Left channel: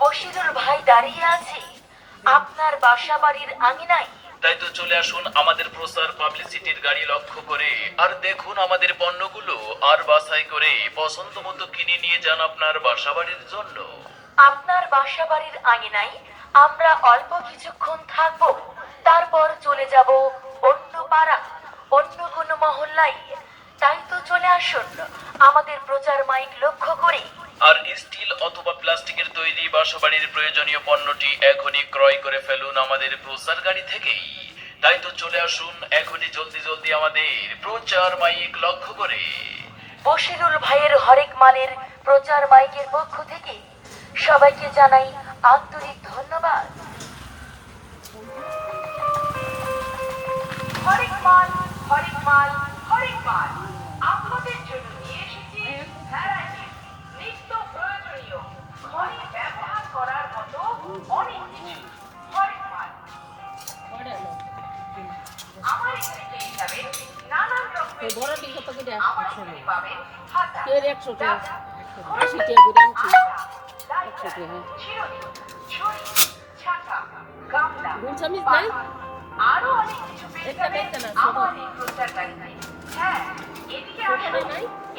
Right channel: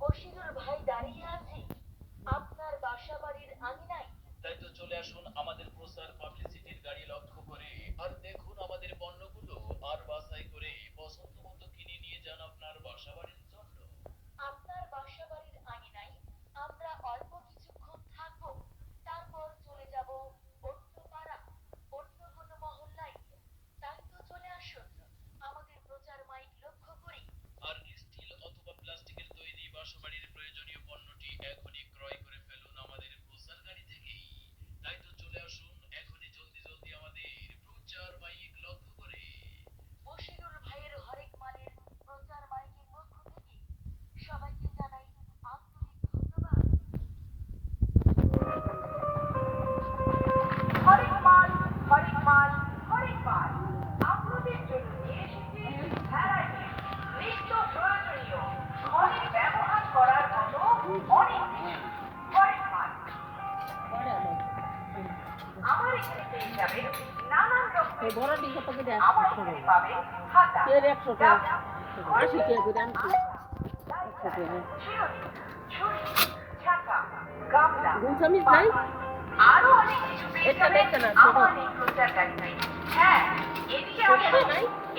বশিরুল ভাই দাঁড়িয়ে আছে আপনার বাসা বাড়ির আঙিনায়। তাই তো চলে আসুন আমাদের প্রচার পাবলিসিটির গাড়ি লক্ষ্য করে, আর দেখুন আমাদের পণ্যগুলো, আর বাছাই করে পছন্দ মতো কিনে নিয়ে যান আপনার বাসাবাড়ির জন্য। আপনার বাসা বাড়ির আঙিনায় আমরা অল্প কিছুক্ষণ থাকবো, তারপর চলে যাব অন্য পাড়া, অন্য কোনো মহল্লায়। তাই তো চলে আসুন আমাদের প্রচার মাইক লক্ষ্য করে। আর স্টিল অথবা প্লাস্টিকের তৈরি বাসাবাড়ির প্রয়োজনীয় পণ্যটি এখনই ক্রয় করে ফেলুন আমাদের প্রচার গাড়ি থেকেই। তাই তো চলে আসুন এখনই জলদি জলদি আমাদের প্রচার মাইক লক্ষ্য করে। বশিরুল ভাইয়ের হরেক মালের প্রচার মাইকের পক্ষ থেকে সবাইকে জানাই আন্তরিক ধন্যবাদ। হরেক মাল, হরেক মাল, হরেক মাল আপনাদের জন্য নিয়ে এসেছি ভ্যারাইটি, নিত্য প্রয়োজনীয়, ঘরে ব্যবহার করার মতো অনেক কিছু। হরেক মাল আমার এখানে পেয়ে যাবেন নানান রকমের। আমার এখানে পাবেন হাতা, ডালা, ছুরি, ছাতা, গামলা, পাখা, আরো অনেক কিছু পেয়ে যাবেন আমার এই প্রচার গাড়িতে। হ্যাঁ, এদিকে আসুন,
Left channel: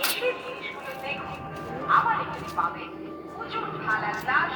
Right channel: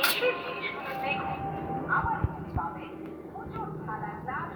এসে জিনিসগুলো দেখুন। আমার এখানে পাবেন উঁচু থালা গ্লাস,